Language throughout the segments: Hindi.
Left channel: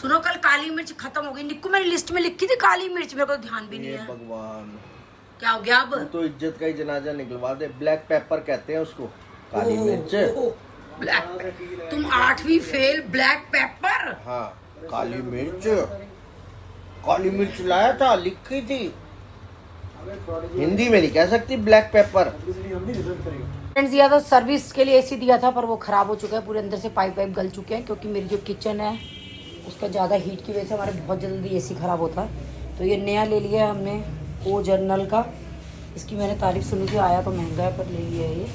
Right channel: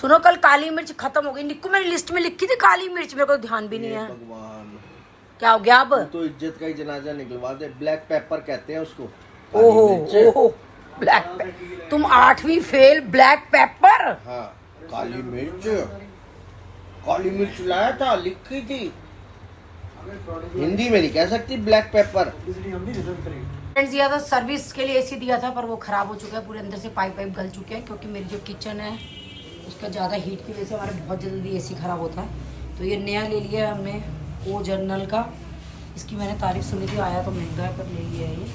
सुनो कल काली मिर्च खत्म हो गई। निक्कू मेरी लिस्ट में लिखी थी काली मिर्च, मेरे को ध्यान भी नहीं है। भगवान, क्या हो गया अब? तो इज्जत का ही जनाजा निकलवा दे। ब्लैक पेपर कहते हैं उसको, काली मिर्च। ब्लैक, तुम 8वीं फेल, ब्लैक पेपर। हाँ, काली मिर्च, काली मिर्च लाया था, लिखी थी हिंदी में, नहीं कह सकती ब्लैक पेपर। फ्रेंड्स दिया था सर्विस के लिए, एसी दिया था पर वो खराब हो चुका है, पूरे अंदर से पाइप गल चुके हैं, क्योंकि मेरी जो किचन है उसका ज़्यादा हीट की वजह से हमारा बहुत जल्दी एसी खराब होता है। तो ये नया ले लिया है हमने ओ जर्नल का। इसकी मैंने तारीफ सुनी थी, आया तो महंगा है पर ले लिया है ये।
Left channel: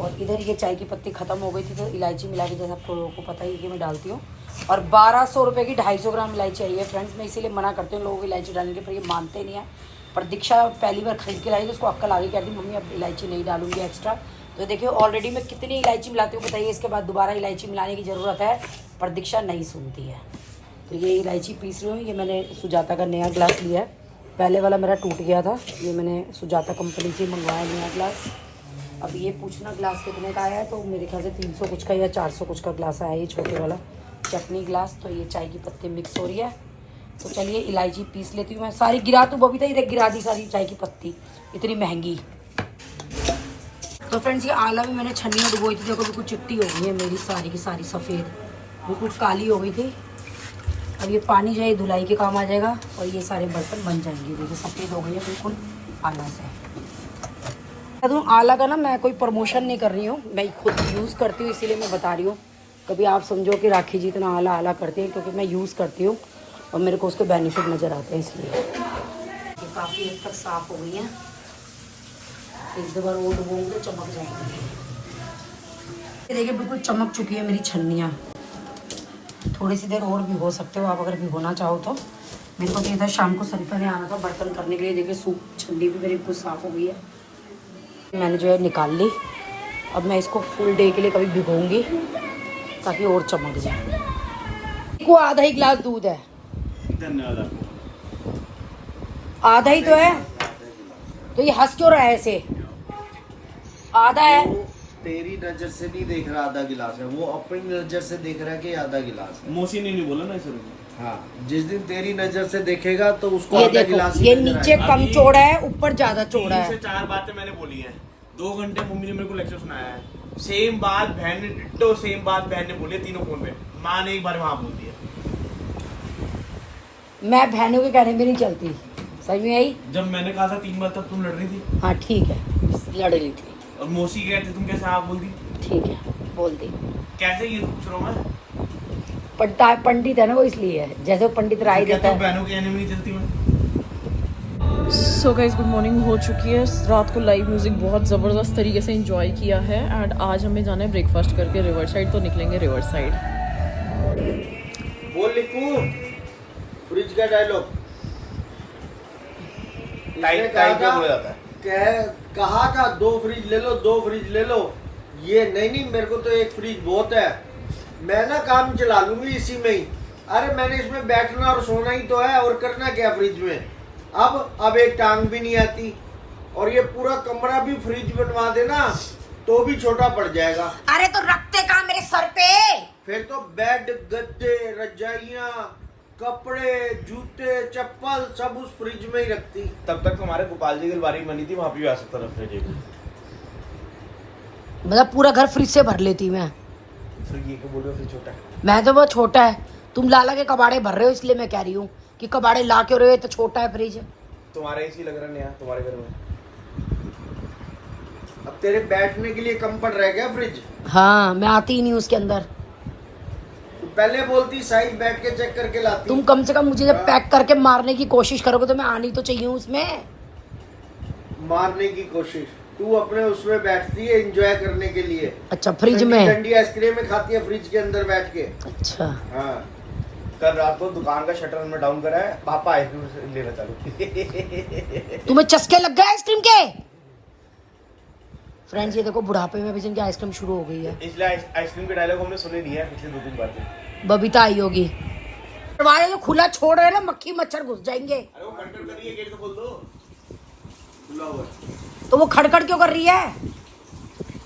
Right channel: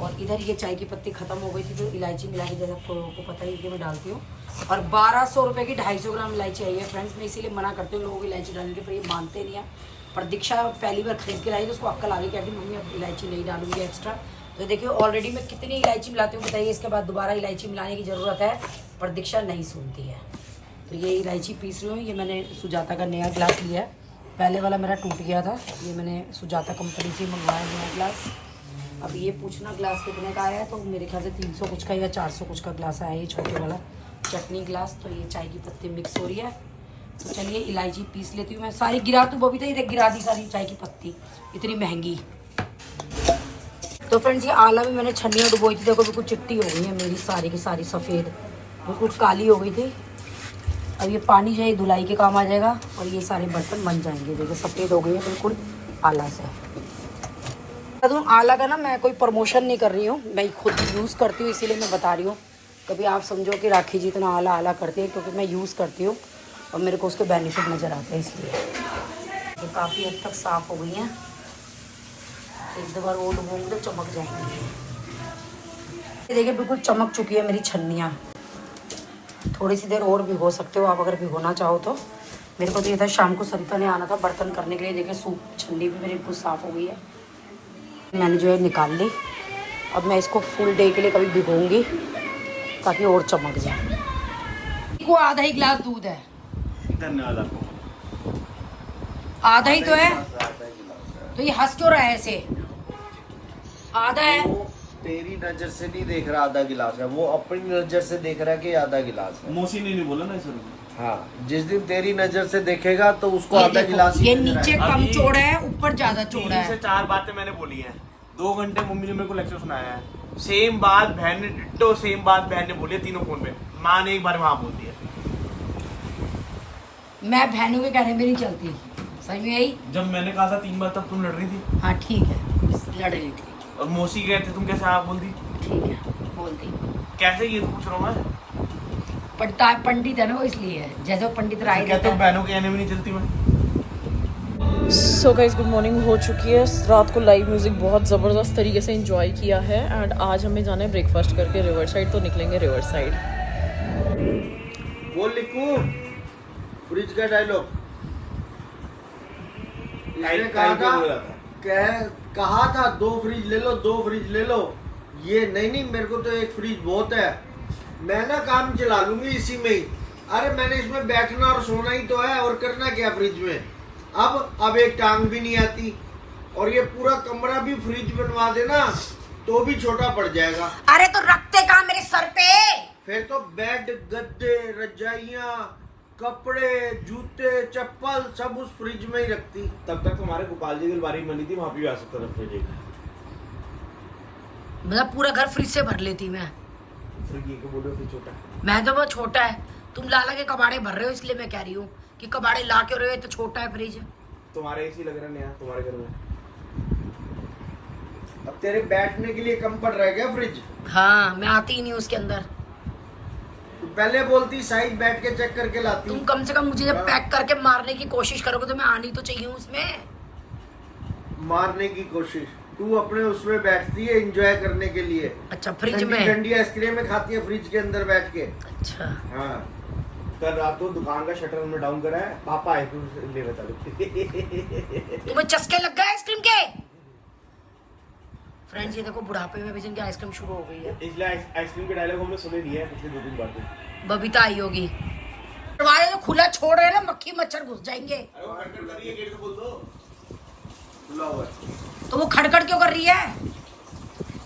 और इधर ये चाय की पत्ती ख़त्म हो गई थी तो इलायची मिला के, जैसा आप लोगों को पता ही है कि मैं डालती हूँ। और 1200 रुपये की 250 ग्राम इलायची आई है फ्रेंड्स। मैं इसीलिए मना करती हूँ लोगों को इलायची डालने के, पर ये मानते नहीं है। पर दीक्षा पहली बार खरीद के लाई तो उसको अक्ल आ गई, कहती मम्मी अब इलायची नहीं डालूंगी एक्स्ट्रा। तो देखिए ऑलरेडी मैं कितनी इलायची मिलाती हूँ बताइए, इसके बाद दोबारा इलायची मिलाने की ज़रूरत है, पर दीक्षा नहीं सुनती है। तो ये इलायची पीस रही हूँ। ये मैंने सुजाता का नया ग्लास लिया है, पहले वाला मेरा टूट गया था, ये मैंने सुजाता कंपनी से मंगवाया नया ग्लास। अब ये पूछना ग्लास कितने का आया है, तो मेरे ख्याल से 300 कुछ का या 400 कुछ का ग्लास आया है, ये छोटे वाला चटनी ग्लास। तो ये चाय की पत्ती मिक्स हो रही है, तो चलिए इलायची पीस लेती हूँ मैं। सारी गिरा तो बबीता ही गिरा दी सारी चाय की पत्ती, इतनी महंगी। तो फ्रेंड्स ये आला भी मैंने छन्नियाँ डुबोई थी, देखो बिल्कुल चिट्टी हो गई है मेरी सारी की सारी, सफ़ेद बिल्कुल काली हो गई थी। अब ये पानी जो है धुलाई के काम आ जाएगा और ये सारे बर्तन बन जाएंगे। देखो सफ़ेद हो गई है बिल्कुल आला से। तो आला का ना मैं कोई प्रमोशन नहीं कर रही हूँ, मैं खुद यूज़ करती हूँ, इसीलिए मैं बता रही हूँ। कभी आप समझो कि राखी जी इतना आला आला करती है, क्योंकि मैं यूज़ करती हूँ और मेरे को उसके बेनिफिट नज़र आते हैं, इसलिए। ये काफ़ी हद तक साफ़ हो गई हैं, एक दो बार और डुबोंगे तो चमक जाएंगी। देखिए बिल्कुल चमक चुकी है मेरी छन्नियाँ। थोड़ी सी देर और भिगो सकते हो आप अगर भिगोना चाहो तो। मेरे को तो ये था शाम को सरिता ने आना था बर्तन करने के लिए। देखिए सूप छन्नी भी मेरी बिल्कुल साफ़ हो गई है, मैंने जो है निकाल ली। अब मैं इसको फुल डे के लिए कभी भिगोऊंगी ताकि और चमक जाए। वो आधा ही गिलास दूध है, धन्यवाद। आधा ही तो है, तो ये हंस क्यों रहा है ऐसे? आधा है। तेरी नजर से नहीं देख रहा आधा गिलास है, वो अपनी नजर से देख रहा है कि आधा गिलास है। मौसी ने नहीं बोला ना सर। हाँ, जिस दिन तेरी नजर से देखेगा तो उसको आधा गिलास ही ये नजर नीचे आएगा। कम चौड़ा है, ऊपर ज्यादा चौड़ा 3 से है। 4 बातें मैंने बोली हैं, 2 घंटे मम्मी ने मेरे को लेक्चर सुनाया है। सेम बात बहन ने डिट्टो सेम बात बहन ने बोली है, तीनों फोन में। माँ ने एक बार वहां बोल दिया। मैं बहनों के कहने में नहीं चलती, समझ में आई? जब मैंने कहा था 3 बार तब तुम लड़ रही थी। हाँ ठीक है, लड़ रही थी। और मौसी गए थे, तुम कैसे आप बोल दी? ठीक है बोल दी। कैसे ये तो पूछ रहा हूँ मैं। पंडित है ना वो, इसलिए है। जैसे वो पंडित राय क्या देता तुम है। बहनों के कहने में नहीं चलती मैं? सो गाइस गुड मॉर्निंग हो चुकी है। रात को लाइव म्यूजिक बहुत ज़बरदस्त तरीके से एंजॉय किया है एंड आज हमें जाना है ब्रेकफास्ट करके रिवर साइड, तो निकलेंगे रिवर साइड। बोल लिखू फ्रिज का डायलॉग। कहा था 2 फ्रिज ले लो, 2 फ्रिज ले लो। ये नहीं मेरे को तो एक फ्रिज बहुत है, मैं ना काम चला लूंगी इसी में ही। अरे मैंने इसमें बैठना और सोना ही तो है, और करना क्या फ्रिज में। अब एक टांग भी नहीं आती, और ये पूरा कमरा भी फ्रिज बनवा देना तो भी छोटा पड़ जाएगा। अरे तो रखते कहाँ मेरे सर पे? फिर तो बेड, गद्दे, रजाइयाँ, कपड़े, जूते, चप्पल सब उस फ्रिज में ही रखती। तब तक तुम्हारे गोपाल जी की अलमारी बनी थी, वहां पे भी आ सकता था फ्रिज। मतलब पूरा घर फ्रिज से भर लेती मैं। फ्रिज को बोलो फिर छोटा। मैं तो वो छोटा है, तुम लाला के कबाड़े भर रहे हो, इसलिए मैं कह रही हूँ कि कबाड़े ला क्यों रहे हो, तो छोटा है फ्रिज। तुम्हारे एसी लग रहा है नया तुम्हारे घर में। अब तेरे बैठने के लिए कम पड़ रह गया फ्रिज। हाँ मैं आती ही नहीं उसके अंदर। तो पहले बोलती साइड बैठ के चेक करके लाती। तुम कम से कम मुझे जब पैक करके मारने की कोशिश करोगे तो मैं आनी तो चाहिए उसमें। मारने की कोशिश तू अपने उसमें बैठती है एंजॉय करने के लिए। अच्छा फ्रिज में ठंडी आइसक्रीम में खाती है फ्रिज के अंदर बैठ के। अच्छा हाँ, कल रात को दुकान का शटर हमने डाउन करा है, पापा आइसक्रीम लेना चालू। तुम्हें चस्के लग गए आइसक्रीम के? फ्रेंड्स ये देखो बुढ़ापे में भी जिनकी आइसक्रीम शुरू हो गई है। इसलिए आइसक्रीम के डायलॉग हमने सुने नहीं है पिछले 2-3 बार से। बबीता आई होगी। दरवाजा तो खुला छोड़ रहे ना, मक्खी मच्छर घुस जाएंगे। अरे वो खड़खड़ कर रही है, गेट तो खोल दो। खुला हुआ है तो वो खड़खड़ क्यों कर रही है?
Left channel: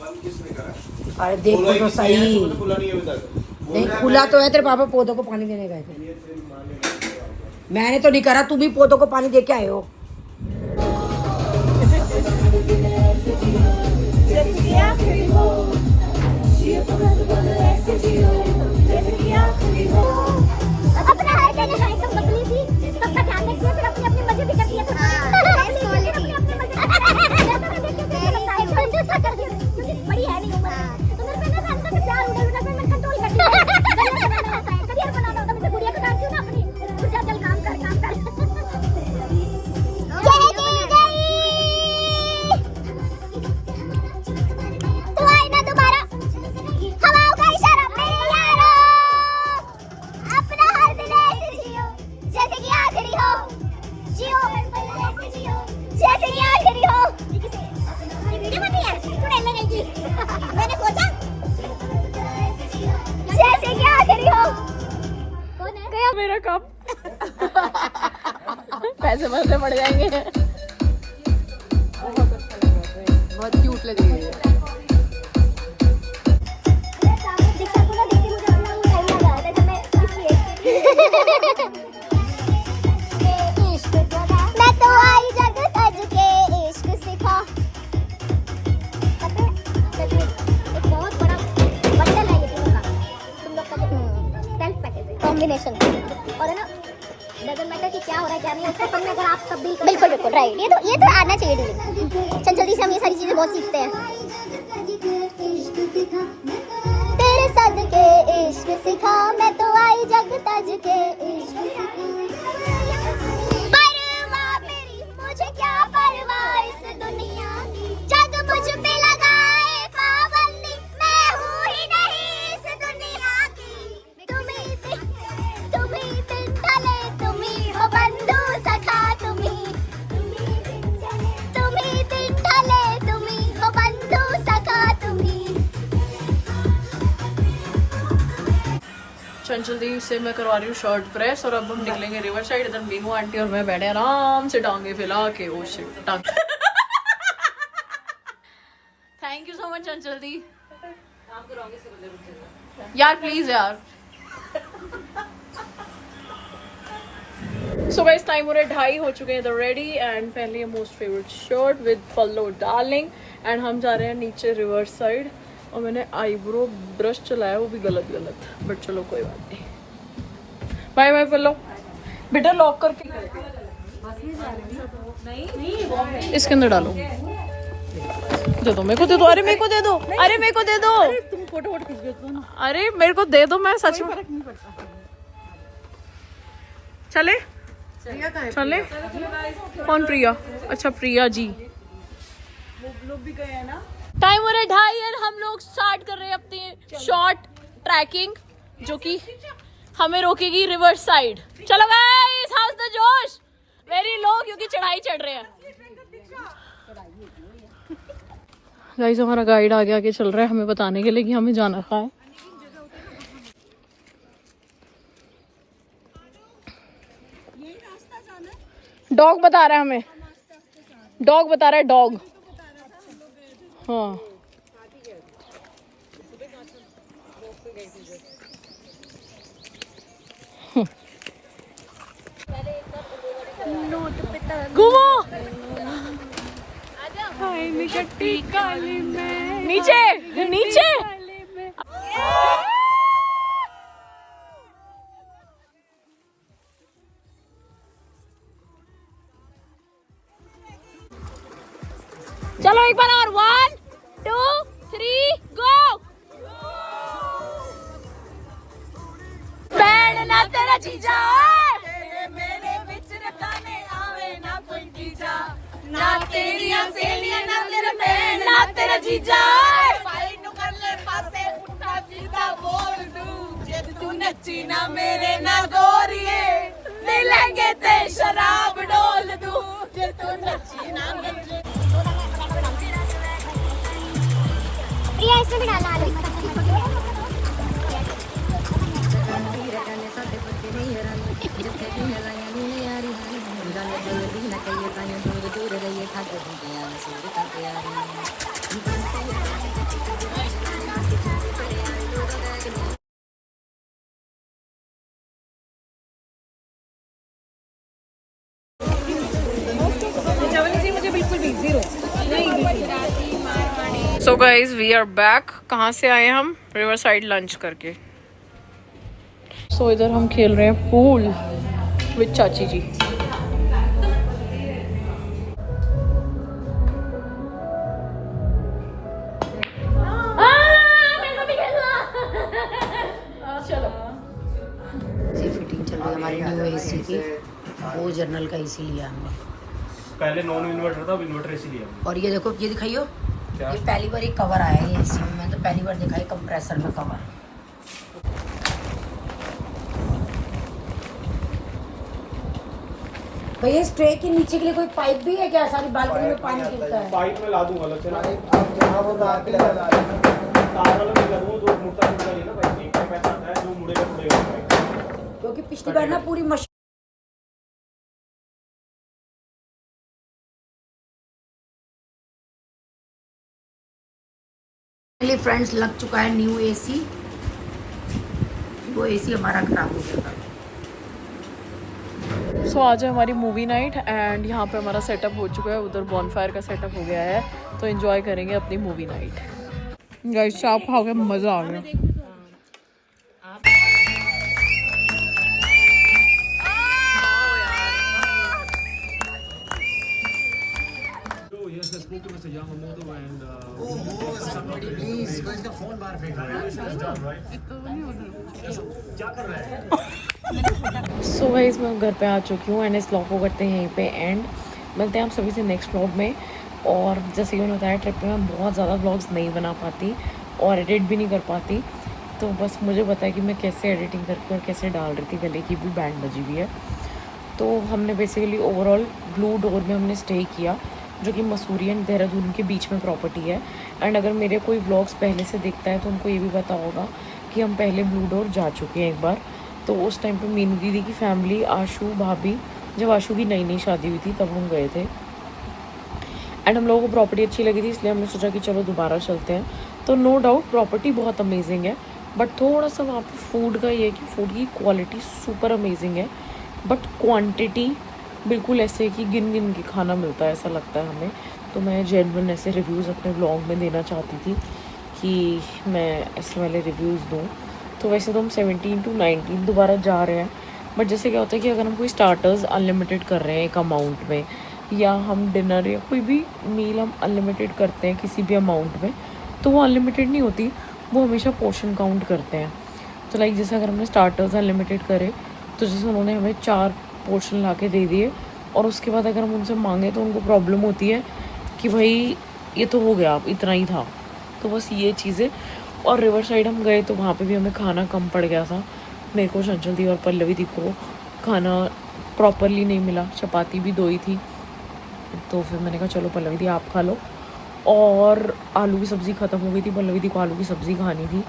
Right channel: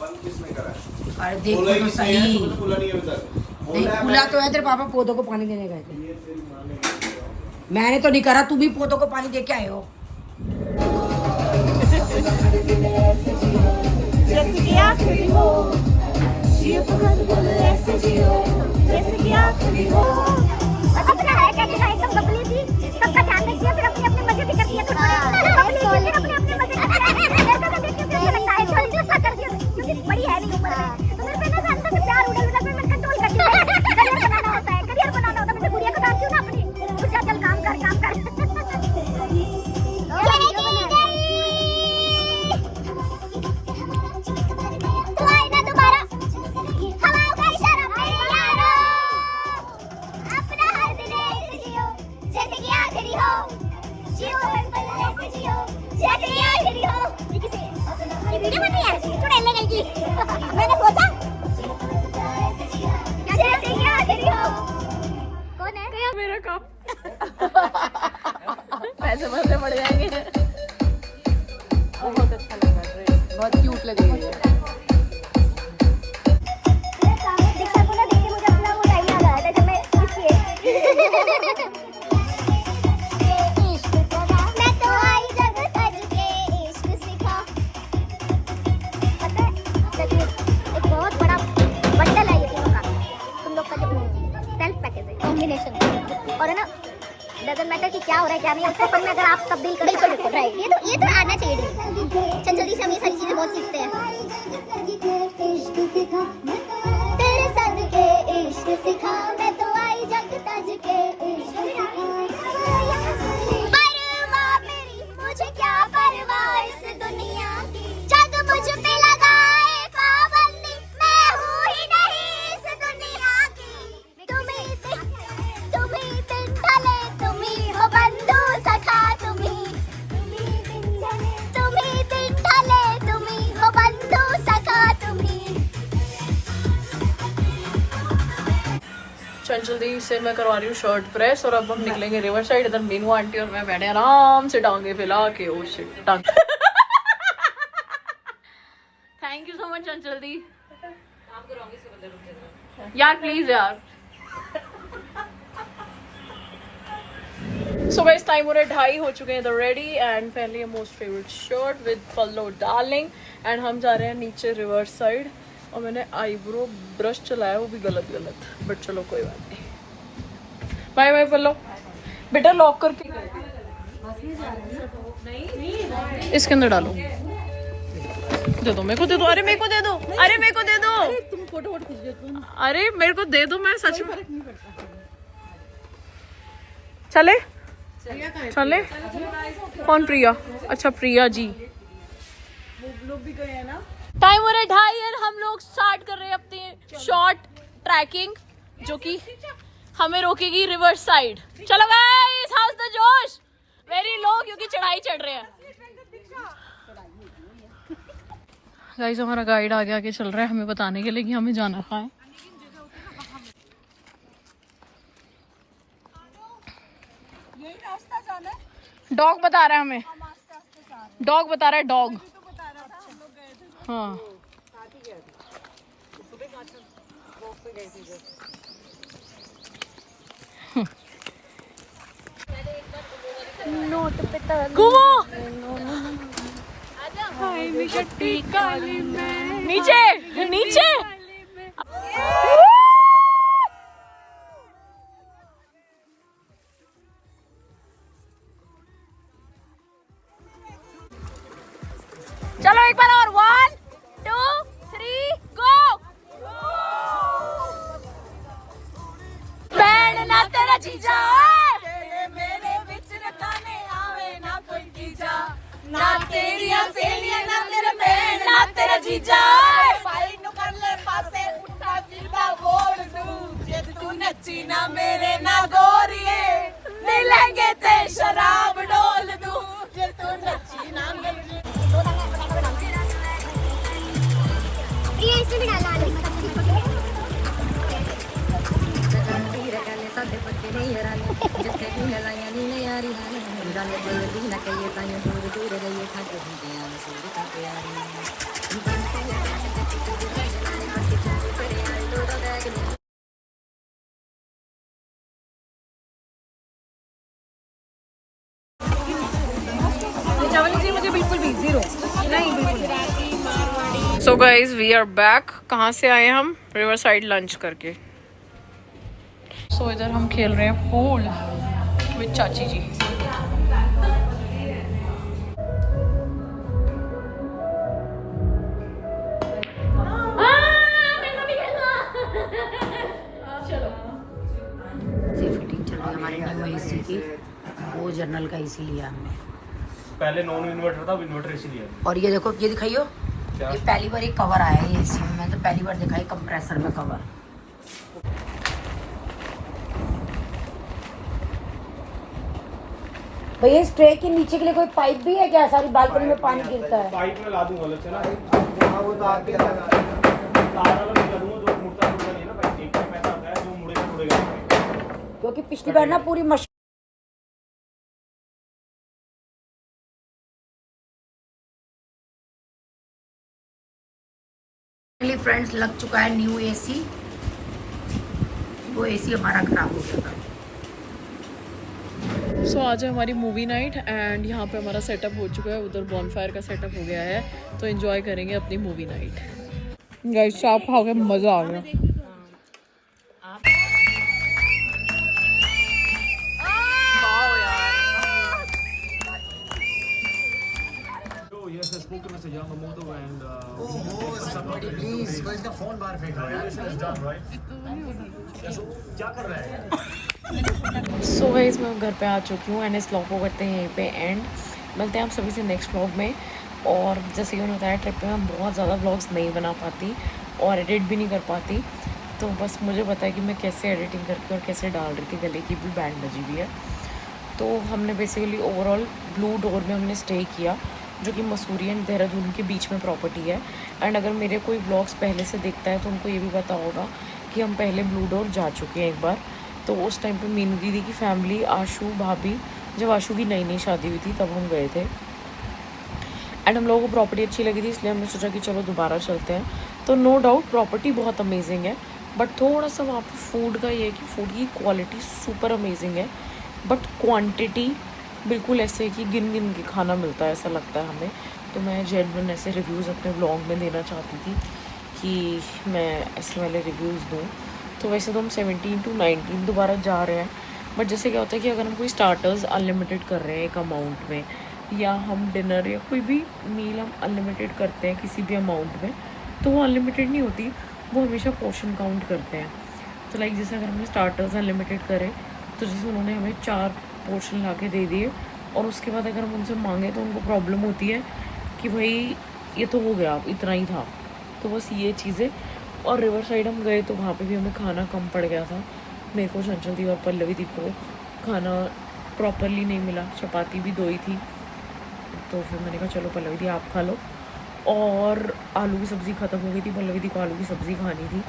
बंद किसने करा है? अरे देखो तो सही। खुला नहीं है अभी तक। नहीं खुला तो है, तेरे पापा पौधों को पानी देने गए थे। मैंने तो नहीं करा, तुम ही पौधों को पानी दे के आए हो। अपना है क्या नहीं है, एकदम बबली सी, सबका ध्यान रखिए, फिर अपनी अपनी मजे भी करती है थोड़ा। अपने अपने मजे क्योंकि बड़ी है नहीं उम्र में, तो मेरे पे ना अंदर से प्यार उड़े उड़े मैं कंट्रोल करती हूँ। करियर बनाना होता है, मैं गुड़िया को डालती हूँ ना अपनी, कुछ जा चल काम कर काम कर। तू आई ना दोबारा, हवाओं का इशारा मेरे यारो, अपना हर दिन ऐसे जियो जैसे कि आखिरी हो, जियो जैसे कि आखिरी हो। मैंने सोचा जैसे कि आखिरी हो। कौन है? मेरा कप पैसे पैसे बढ़ जाएंगे। बहुत क्यूट लग रही है। दीक्षा को ना देख के मुझे अपना वो टाइम याद आ रहा है जब मैं इसलिए इश्क करा मैं तो आई जग तज के इश्क सिखा। पता है चलिए एक बहुत बड़ा बंडल है ये तीनों का, तुम लोग का जो सेल्फ पैकेज है कॉम्बिनेशन, और है ना डजंट मैटर कि क्या हो रहा है क्या नहीं, उसको अपन में अगर आप तब्दील कर बिल्कुल बिल्कुल राइट, ये तो आना चाहिए डील। चल जल्दी से हम ये सारी चीजें बहुत सीखते हैं। तेरे सदके इश्क सिखा मैं तो आई जग तज के इश्क सिखा। परवाह मेरी मुझे क्या परवाह इस दुनिया की, जग मुझ पे लगाए पाबंदी, मैं हूँ ही नहीं इस दुनिया की। तुम ही दिन ढले, तुम ही हो बंधु सखा, तुम ही दिन ढले, तुम ही हो बंधु सखा, तुम ही। चंचल दी से मैं करवा रही हूँ शर्ट प्रेस, और अब हम निकलेंगे रिवर साइड। इधर मीनू आंटी और मैं बैठे आराम से टांगे फैला के। ओ शिट टांग। थैंक यू सो मच चंचल दी यार, प्लीज यार। सो गाइस टाइम हो रहा है 2:30 हो चुके हैं इधर रेडी, एंड पहले ये मोस्ट फेवरेट शर्ट विद पल्लो डार्लिंग, एंड हम जा रहे हैं नीचे रिवर साइड। और मैंने आईब्रो ब्रश चलाया, वो भी गलत बट चलो कोई बात नहीं। बाय बाय पल्लो, बेटा लॉक करके इसके अंदर डालो। दे दो मेरे को, दे दो, अरे मेरे को दे दो, अरे मेरे को दे दो, तुम फोटो वोटो खींच लेते हो ना, अरे मेरे को दे दो, मैं सच में चले चले। कौन प्रिया? अच्छा प्रिया जी। लोग भी गए हैं ना। टाइम हो रहा है 2:30 और हम लोग स्टार्ट कर रहे हैं अपनी शॉर्ट ट्रैकिंग, जो कि हमें रोकेगी रिवर साइड। चलो गाइस, हाउस द जोश वेरी लो, क्योंकि चढ़ाई चढ़ रहे हैं। गाइस हमारा गाइड आगे आगे चल रहा है हमें बताने के लिए कि हमें जाना कहाँ है। डॉग बता रहा है हमें, डॉग बता रहा है, डॉग। हाँ घूमो नीचे नीचे। चलो एक बार और, 1 2 3 गो। बैंड ना तेरा जीजा मेरे विच रखाने आवे ना कोई तीजा, ना तेरिया सहेलियां ना तेरे बैंड ना तेरा जीजा। भाई नु कर ले पासे उठा जिंदा बोल दू, जे तू नच्ची ना मेरे ना गोरिए मिलेंगे ते शराब डोल दू, जे तू नच्ची ना मेरे। प्रिया इसमें भी डालना आलू। So guys we are back. कहाँ से आए हम? रिवर साइड लंच करके। सो इधर हम खेल रहे हैं पूल विद चाची जी। फिटिंग चल रही है हमारी न्यू एसी की। वो जर्नल का एसी लिया हमने। पहले नॉन इन्वर्टर था, अब इन्वर्टर एसी लिया। और ये देखो, ये दिखाइयो, ये पहली बार एक कवर आया है एसी में। मैं तो पहली बार देखा है कंप्रेसर में कवर। भैया इस ट्रे के नीचे के लिए कोई पाइप भी है क्या? सारी बालकनी में पानी गिरता है। पाइप में ला दूंगा, अलग से ला दूंगा। वो तो आगे तार वाला नहीं करूंगा, जो मुड़ता नहीं ना भाई, एक पैसा आता है जो मुड़ेगा मुड़ेगा। क्योंकि पिछली बार ना पूरी मशीन फ्रेंड्स लग चुका है न्यू एसी। वो एसी हमारा खराब हो गया था। सो आज है हमारी मूवी नाइट एंड यहाँ पे हमारा सेटअप हो चुका है। उधर बॉनफायर का सेटअप हो गया है, तो एंजॉय करेंगे अपनी मूवी नाइट। गाइस चाप खा के मज़ा आ गया। सो गाइस मैं घर पे आ चुकी हूँ एंड इस व्लॉग को करते हैं यहीं पे एंड। मिलते हैं आप सभी से नेक्स्ट व्लॉग में। और जैसे कि मैंने बताया, ट्रिप पे मैं बहुत ज़्यादा व्लॉग्स नहीं बना पाती और एडिट भी नहीं कर पाती। तो बस मुझे पता है कि मैं कैसे एडिटिंग करके और कैसे डाल रही थी। गले की भी बैंड बजी हुई है। तो हमने बेसिकली ओवरऑल ब्लू डोर में हमने स्टे किया, जो कि मसूरी एंड देहरादून के बीच में प्रॉपर्टी है। एंड अगर मेरे कोई व्लॉग्स पहले से देखता है तो उनको ये भी पता होगा कि हम पहले ब्लू डोर जा चुके हैं एक बार। तो उस टाइम पे मीनू दीदी की फैमिली, आशू भाभी, जब आशू की नई नई शादी हुई थी तब हम गए थे। एंड हम लोगों को प्रॉपर्टी अच्छी लगी थी, इसलिए हमने सोचा कि चलो दोबारा चलते हैं। तो नो डाउट प्रॉपर्टी बहुत अमेजिंग है, बट थोड़ा सा वहाँ पे फूड का ये है कि फूड की क्वालिटी सुपर अमेजिंग है, बट क्वांटिटी बिल्कुल ऐसे कि गिन गिन के खाना मिलता है, ऐसा लगता है हमें। तो मैं जेन्युइन ऐसे रिव्यूज़ अपने व्लॉग में देना चाहती थी कि मैं ऐसे वाले रिव्यूज़ दूँ। तो वैसे तो हम 17 to 19 दोबारा जा रहे हैं, बट जैसे क्या होता है कि अगर हम कोई स्टार्टर्स अनलिमिटेड कर रहे हैं एक अमाउंट में, या हम डिनर या कोई भी मील हम अनलिमिटेड करते हैं किसी भी अमाउंट में, तो वो अनलिमिटेड नहीं होती, वो हमेशा पोर्शन काउंट करते हैं। तो लाइक जैसे अगर हमने स्टार्टर्स अनलिमिटेड करे, तो जैसे उन्होंने हमें 4 पोर्शन ला के दे दिए, और उसके बाद अगर हम उनसे मांगे तो उनको प्रॉब्लम होती है कि भाई ये तो हो गया, इतना ही था। तो बस ये चीज़ें। और रिवर साइड हम गए तो वहाँ पे भी हमें खाना कम पड़ गया था। मेरे को, चंचल दी और पल्लवी दी को खाना प्रॉपरली नहीं मिला, चपाती भी 2 ही थी। तो फिर मैंने कहा चलो पल्लवी दी आप खा लो। और आलू की सब्ज़ी ख़त्म हो गई थी, पल्लवी दी को आलू की सब्ज़ी खानी थी।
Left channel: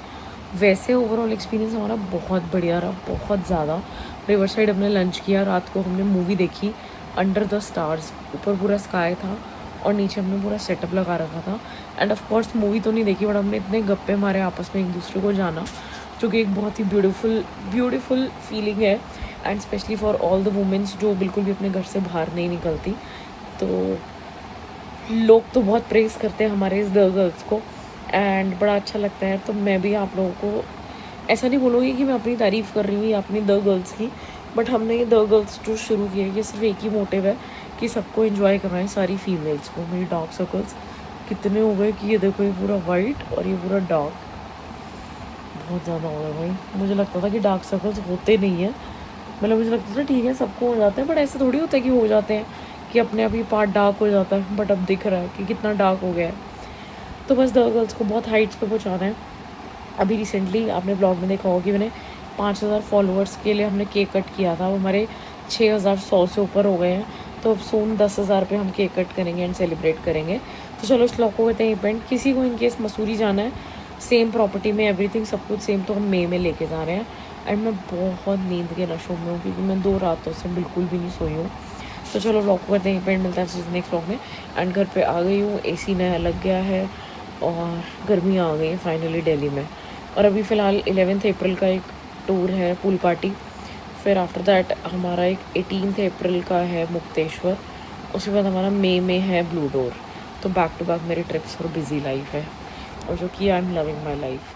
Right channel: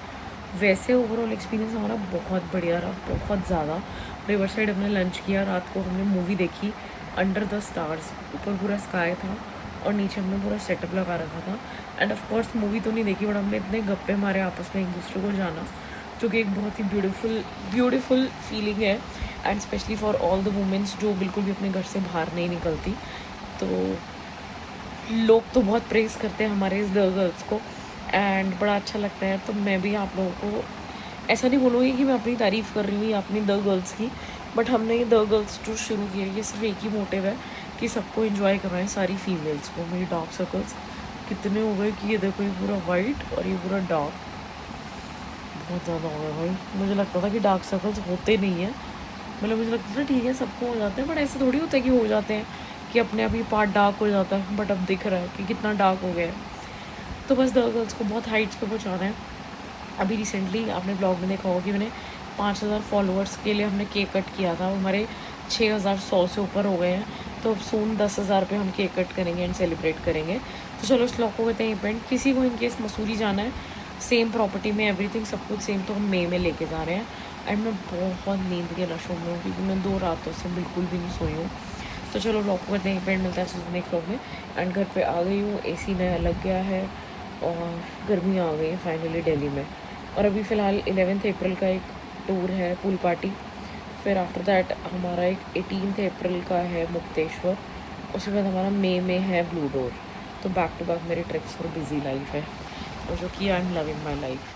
वैसे ओवरऑल एक्सपीरियंस हमारा बहुत बढ़िया रहा, बहुत ज़्यादा। रिवर साइड हमने लंच किया, रात को हमने मूवी देखी अंडर द स्टार्स। ऊपर पूरा स्काई था और नीचे हमने पूरा सेटअप लगा रखा था। एंड ऑफ कोर्स मूवी तो नहीं देखी, बट हमने इतने गप्पे मारे आपस में एक दूसरे को जाना, जो कि एक बहुत ही ब्यूटीफुल फीलिंग है। And specially for all the women's जो बिल्कुल भी अपने घर से बाहर नहीं निकलती। तो लोग तो बहुत प्रेज़ करते हैं हमारे इस द गर्ल्स को, एंड बड़ा अच्छा लगता है। तो मैं भी आप लोगों को ऐसा नहीं बोलूँगी कि मैं अपनी तारीफ़ कर रही हूँ या अपनी द गर्ल्स की, बट हमने ये द गर्ल्स टूर शुरू किया है, ये सिर्फ एक ही मोटिव है कि सबको एंजॉय करवाएं, सारी फीमेल्स को। मेरी डार्क सर्कल्स कितने हो गए कि ये देखो, ये पूरा वाइट और ये पूरा डार्क, बहुत ज़्यादा हो गया भाई। मुझे लगता था कि डार्क सर्कल्स होते नहीं हैं, मतलब मुझे लगता था ठीक है सबको हो जाते हैं, बट ऐसे थोड़ी होता है कि हो जाते हैं कि अपने आप ही पार्ट डार्क हो जाता है। बट अब दिख रहा है कि कितना डार्क हो गया है। तो बस द गर्ल्स को बहुत हाइट्स पे पहुँचाना है। अभी रिसेंटली आपने ब्लॉग में देखा होगा कि मैंने 5000 फॉलोअर्स के लिए हमने केक कट किया था, हमारे 6100 से ऊपर हो गए हैं। तो अब सून 10,000 पे हम केक कट करेंगे एंड सेलिब्रेट करेंगे। तो चलो इस व्लॉग को कहते हैं इवेंट। किसी को इनकेस मसूरी जाना है, सेम प्रॉपर्टी में एवरीथिंग सब कुछ सेम, तो हम मई में लेके जा रहे हैं। एंड मैं बहुत नींद के नशों में हूँ क्योंकि मैं 2 रातों से बिल्कुल भी नहीं सोई हूँ। तो चलो व्लॉग को कहते हैं इवेंट, मिलता है नेक्स्ट व्लॉग में। एंड घर पे आ गई हूँ, AC नया लग गया है और गर्मी आ गई है फाइनली दिल्ली में। और अभी फ़िलहाल 11 अप्रैल का एक टूर है पूल पार्टी, फिर आफ्टर दैट हमारा एक 18 अप्रैल का है मुक्तेश्वर, उसके बाद हमारा मई में है ब्लू डोर। तो बैक टू बैक मेरी ट्रिप्स और बिजी लाइफ है। और जो कि I am loving my life.